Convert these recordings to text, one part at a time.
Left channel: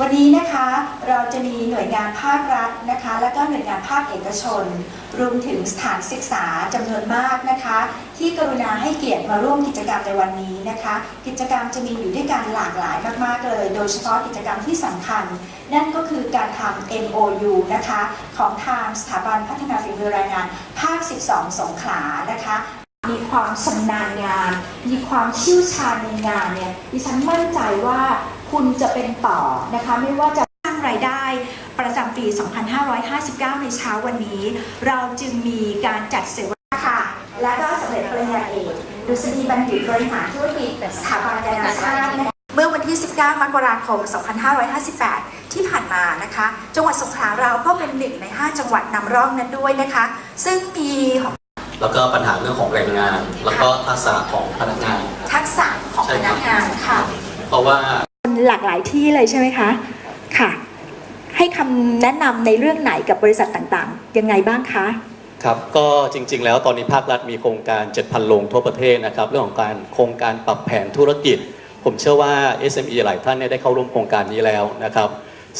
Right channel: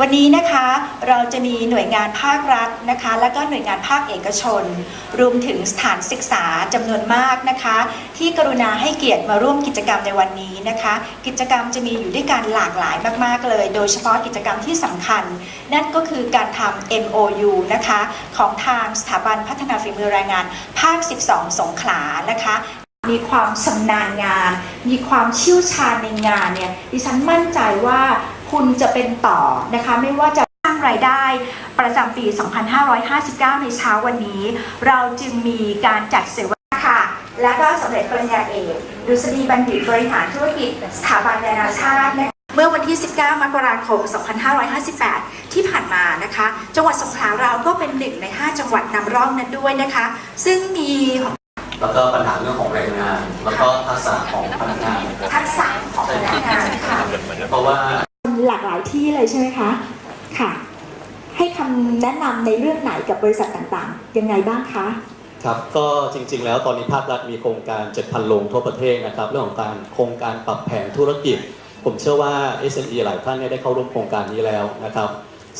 วันนี้นะคะเราจะมีหน่วยงานภาครัฐนะคะ และก็หน่วยงานภาคเอกชน รวมถึงสถานศึกษาจำนวนมากนะคะ ที่กรุณาให้เกียรติมาร่วมกิจกรรมในวันนี้นะคะ กิจกรรมจะมีอยู่ด้วยกันหลากหลายมาก ๆ เลย โดยเฉพาะกิจกรรมที่สำคัญ นั่นก็คือการทำ MOU นะคะ ของทางสถาบันพัฒนาฝีมือแรงงานภาค 12 สงขลานะคะ มีความชำนาญงาน มีความเชี่ยวชาญในงานเนี่ยดิฉันมั่นใจว่าคุณจะเป็นต่อนะคะไม่ว่าจะสร้างรายได้ประจำปี 2559 ในเช้าวันนี้ เราจึงมีการจัดเสวนาค่ะ และก็สำเร็จปริญญาเอกดุษฎีบัณฑิตบริหารธุรกิจสถาบันนานาชาตินะคะเมื่อวันที่ 19 มกราคม 2558 ที่ผ่านมานะคะ จังหวัดสงขลาเราก็เป็นหนึ่งใน 5 จังหวัดนำร่องนั้นด้วยนะคะ ซึ่งมี แล้วก็ปัญหาเรื่องของแรงงาน แล้วก็ทักษะของพนักงานทักษะของพนักงานค่ะเพราะว่าหลากหลายที่เลยใช่ไหมคะค่ะ ให้คำแนะนำในเรื่องไหนกับบริษัทต่างๆ ยังไงบ้างคะครับก็จริง ๆ แล้วตอนนี้ภาครัฐมีโครงการ 7,000 โรงทั่วประเทศนะครับ เรื่องของการโครงการปรับแผนธุรกิจ ผมเชื่อว่า SME หลายท่านเนี่ยได้เข้าร่วมโครงการนี้แล้วนะครับ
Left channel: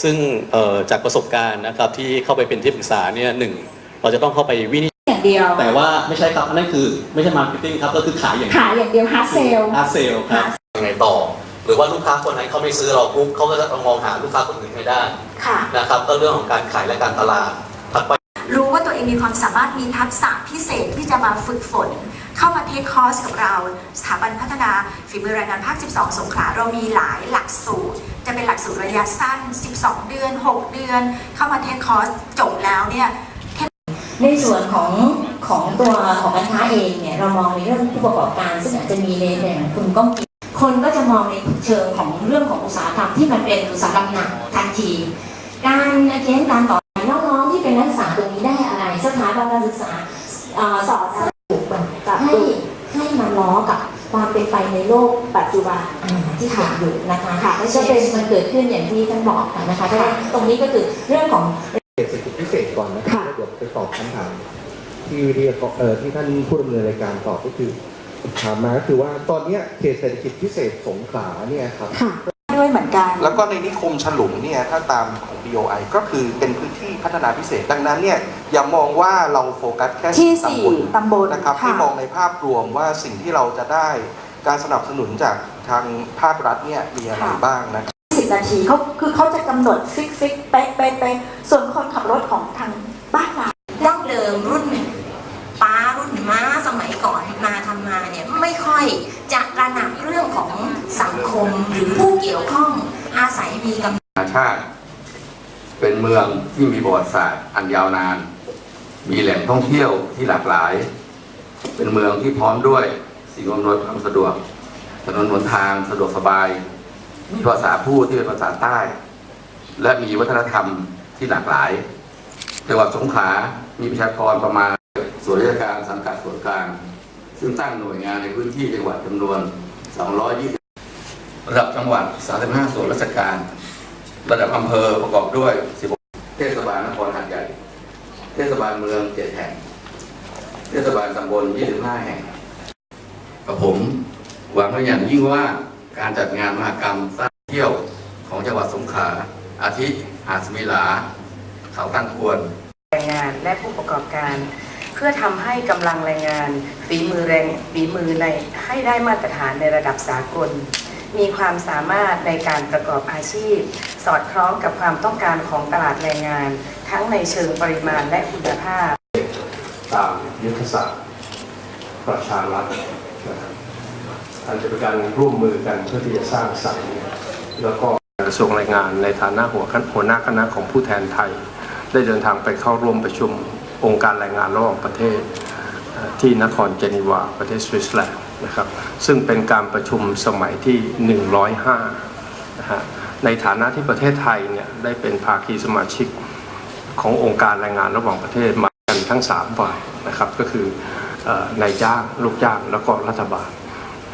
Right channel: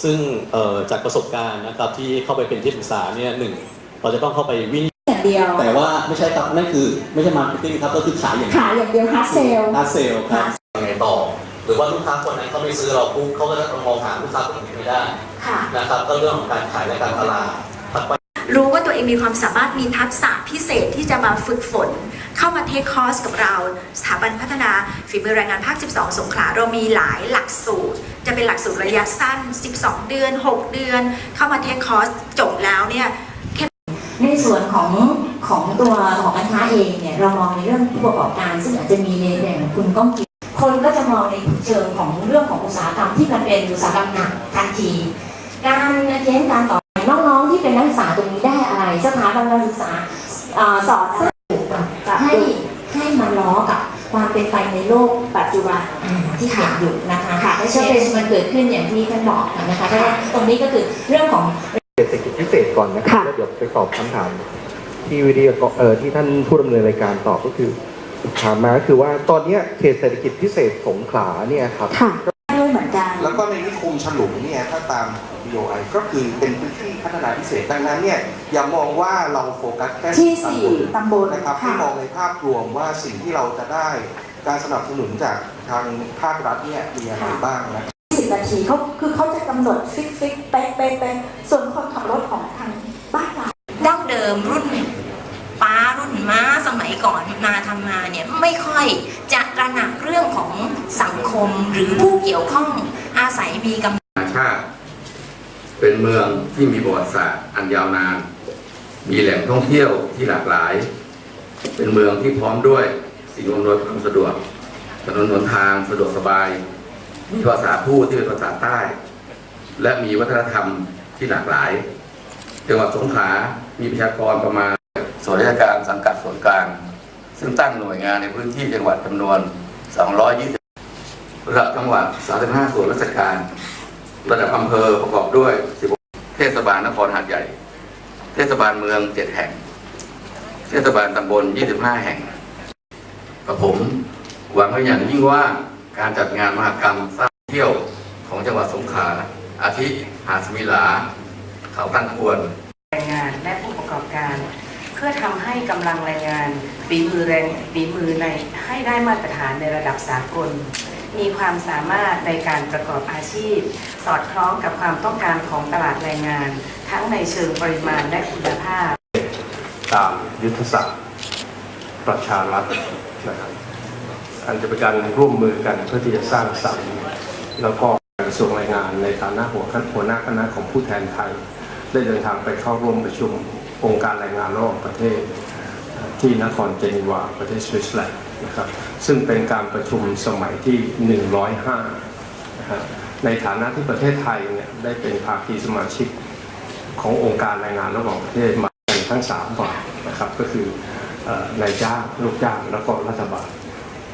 ซึ่งเอ่อจากประสบการณ์นะครับที่เข้าไปเป็นที่ปรึกษาเนี่ยหนึ่งเราจะต้องเข้าไปวินิจอย่าง เดียว แต่ว่าไม่ใช่ครับนั่นคือไม่ใช่มาร์เก็ตติ้งครับก็คือขายอย่างเดียวขายอย่างเดียวฮาร์ดเซลหน้าเซลล์ครับยังไงต่อ หรือว่าลูกค้าคนนั้นเขาไม่ซื้อเราปุ๊บเขาก็จะมองหาลูกค้าคนอื่นไม่ได้ค่ะนะครับก็เรื่องของการขายและการตลาดถัดไปรู้ว่าตัวเองมีความสามารถมีทักษะพิเศษที่จะมาฝึกฝน เข้ามาเทคคอร์สกับเรา สถาบันพัฒนาฝีมือแรงงานภาค 12 สงขลาเรามีหลายหลักสูตร จะเป็นหลักสูตรระยะสั้น 12 เดือน 6 เดือน เข้ามาเทคคอร์สจบแล้วเนี่ย ในส่วนของของตัวของการค้าเองเนี่ยเรามองในเรื่องผู้ประกอบการ ซึ่งอาจจะมีในแบบของคุณก้องกิจคนก็จะมองในเชิงของเรื่องของอุตสาหกรรมที่มันเป็นอุตสาหกรรมหนักทันที การเค้นการต่อไปน้องๆที่เป็นนักศึกษาตรงนี้ได้อะไรสถาบันการศึกษาเอ่อสอนให้ให้มันล้อกับความเป็นไปในโลกปัจจุบันอ่าที่เกิดอยู่นะคะค่ะก็เป็นมันเกิดขึ้นอย่างที่ท่านบอกนะคะเพราะฉะนั้นตรงนี้ก็คือเรื่องของเศรษฐกิจพิเศษก่อนนะครับค่ะ ตอบคำถามที่วิดีโอเอ่อที่ท่านผู้ดำเนินรายการตอบก็คือถามมาก็คือว่าตอนเนี้ยเขตเศรษฐกิจพิเศษสงขลาเนี่ยครับ ค่ะด้วยเหมือนกัน แล้วก็ในนิคมฉลุงเนี่ยถ้าตามของ BOI ก็คือเป็นพื้นที่พัฒนาพิเศษดังนั้นเนี่ยอย่ามองว่าเราโฟกัสแค่ที่ตำสี่บลตำบลนะครับค่ะให้มองในภาพรวมว่าสิ่งที่เราจะได้การสนับสนุนจากทางภาครัฐเนี่ยมีอะไรบ้างนะครับ สิบนาทีเขาคือเขาจะกำหนดฟิกฟิกเป๊ะเป๊ะเป๊ะส่วนคนขับรถของทางบ้านเรา ดิมรุ่นป้ารุ่นม้าสมัยก่อนมาทำมาเนี่ยไม่ค่อยจะกระหนักเรื่องของสังคมหรือผู้เกี่ยวข้องอาศัยมีกำธรรมชาติ เป็นเมืองที่มีประวัติศาสตร์อันยาวนาน มีแหล่งท่องเที่ยวที่หลากหลาย เป็นเมืองที่พร้อมด้วยสิ่งอำนวยความสะดวกถนนหนทางสะดวกสบาย มีภาษาพูดที่เป็นภาษาใต้ และมีวัฒนธรรมที่หลากหลายจังหวัดสงขลา มีประชากรประมาณส่วนราชการสังกัดส่วนกลาง ซึ่งตั้งหน่วยงานในพื้นที่จังหวัดจำนวน 220 ระดับจังหวัด 35 ส่วนราชการ ระดับอำเภอประกอบด้วย 16 เทศบาลนครหาดใหญ่ เทศบาลเมือง 7 แห่ง เทศบาลตำบล 25 แห่งกับผมหวังไว้อย่างยิ่งว่าการจัดงานมหกรรมสร้างเที่ยวของจังหวัดสงขลาอาทิหาดสมิลา เขาตั้งควร และผู้ประกอบการ เพื่อทำให้กำลังแรงงานฝีมือแรงฝีมือในให้ได้มาตรฐานในระดับสากล มีความสามารถในการประกอบอาชีพ สอดคล้องกับความต้องการของตลาดแรงงาน ทั้งในเชิงปริมาณและคุณภาพ ตามยุทธศาสตร์ประชารัฐนะครับอันจะเป็นการร่วมมือกันเพื่อที่จะสร้างสรรค์แล้วก็กระทรวงแรงงานในฐานะหัวหน้าคณะของผู้แทนไทย ได้เดินทางไปเข้าร่วมประชุมองค์การแรงงานระหว่างประเทศที่นครเจนีวาประเทศสวิตเซอร์แลนด์นะครับซึ่งเป็นการประชุมสมัยที่ 105นะฮะในฐานะที่ประเทศไทยเนี่ยได้เป็นภาคีสมาชิกขององค์การแรงงานระหว่างประเทศมากันทั้ง3ฝ่ายนะครับก็คือเอ่อนายจ้างลูกจ้างแล้วก็รัฐบาล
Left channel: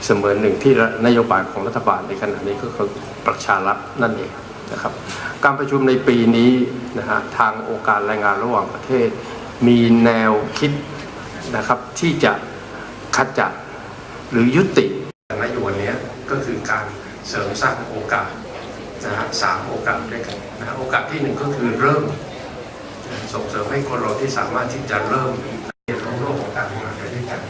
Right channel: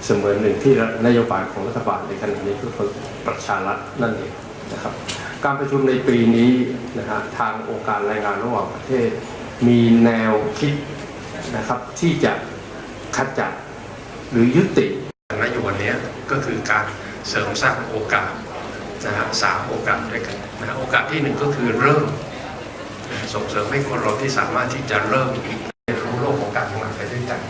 เสมือนหนึ่งที่นโยบายของรัฐบาลในขณะนี้ก็คือประชารัฐนั่นเองนะครับ การประชุมในปีนี้นะฮะทางองค์การแรงงานระหว่างประเทศ มีแนวคิดนะครับที่จะขจัดหรือยุตินโยบายนี้ก็คือการเสริมสร้างโอกาสนะฮะสามโอกาสด้วยกันนะโอกาสที่หนึ่งก็คือเริ่ม ส่งเสริมให้คนเราที่สามารถที่จะเริ่มเรียนรู้โลกของการทำงานไปด้วยกัน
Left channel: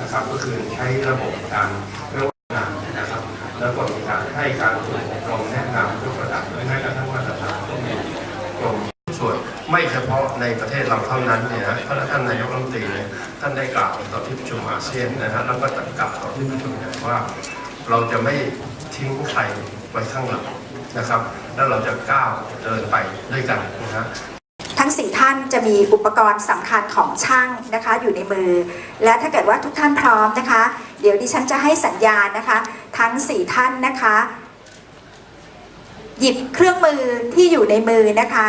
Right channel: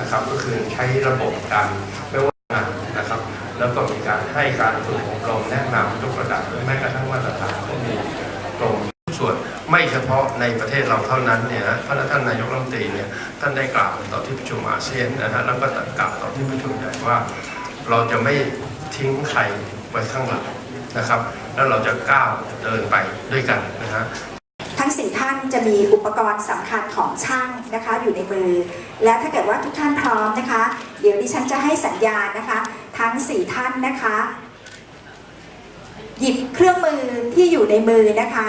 นะครับ ก็คือใช้ระบบการไม่ว่างานนะครับ แล้วก็มีการให้การฝึกอบรมแนะนำทุกระดับแม้กระทั่งมาตรฐานก็มีกรมส่วน ไม่เฉพาะในประเทศเราเท่านั้นเนี่ยพระท่านนายกรัฐมนตรีเนี่ยท่านได้กล่าวต่อที่ประชุมอาเซียนนะฮะแล้วก็ตักล่าวต่อที่ประชุมใหญ่ว่า เราจะไม่ทิ้งใครไว้ข้างหลังนะครับ แล้วเราจะก้าวเดินไปด้วยกันนะฮะทั้งสี่ท่านจะมีอุปกรณ์สำคัญของช่างนะคะอยู่ในมือ และถ้าเกิดว่าทุกท่านพร้อมนะคะ เดี๋ยวดิฉันจะให้สัญญาณนะคะ ทั้งสี่ท่านนะคะ หยิบเครื่องมือที่อยู่ในมือนะคะ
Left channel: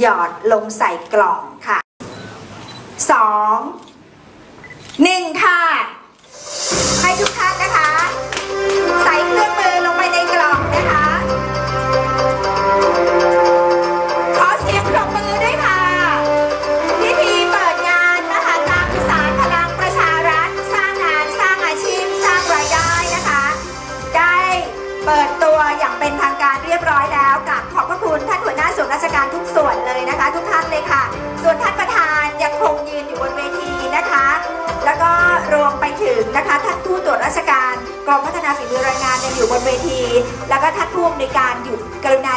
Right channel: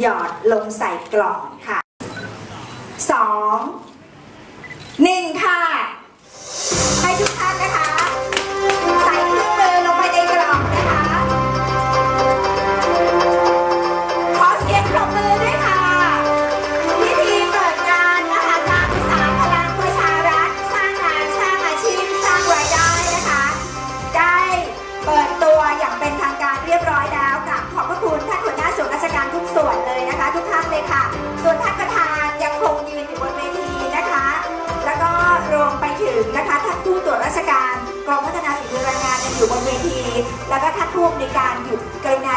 หยอดลงใส่กล่องค่ะสองหนึ่งค่ะ ให้ทุกท่านนะคะ ชการกองพัฒนาฝีมือแรงงานยังอยู่บนเวที แล้วก็ท่านผู้อำนวยการอยู่กรุณา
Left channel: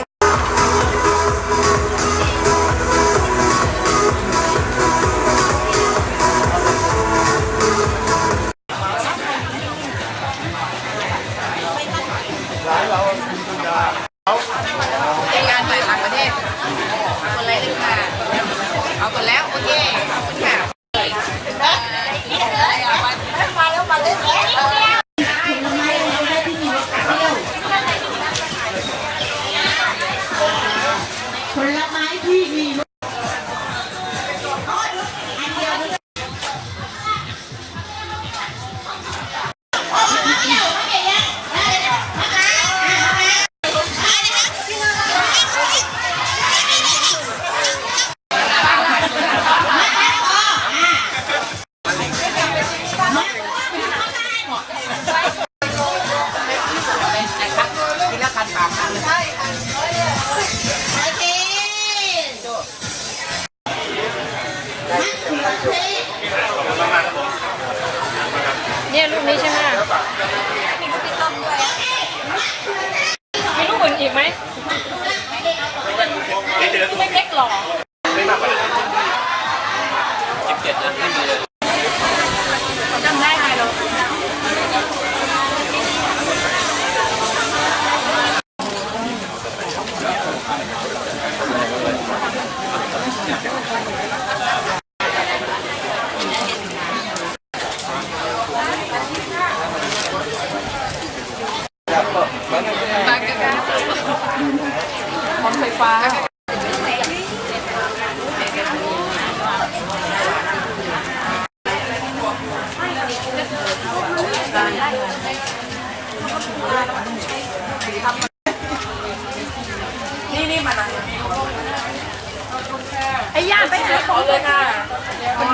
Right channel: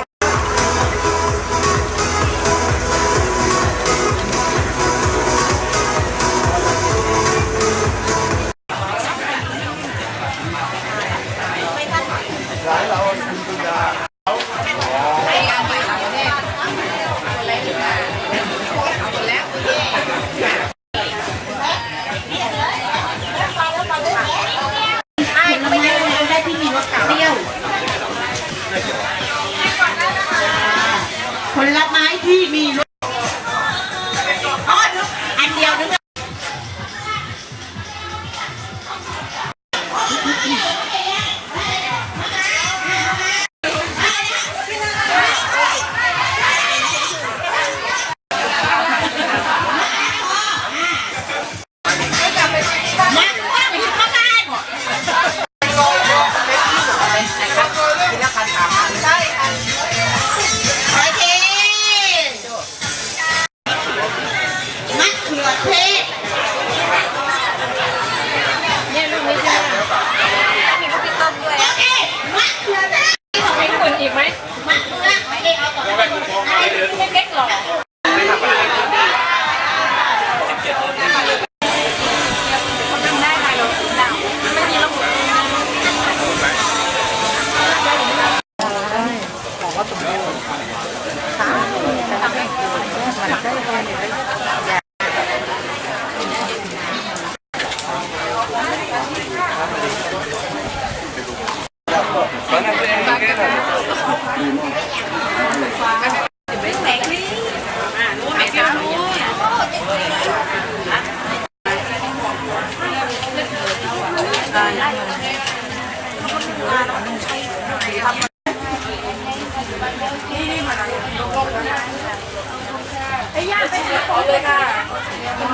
ไอ้ย่าไปหาขอเลยค่ะ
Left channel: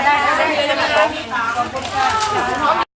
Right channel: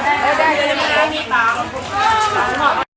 ได้ได้ได้ได้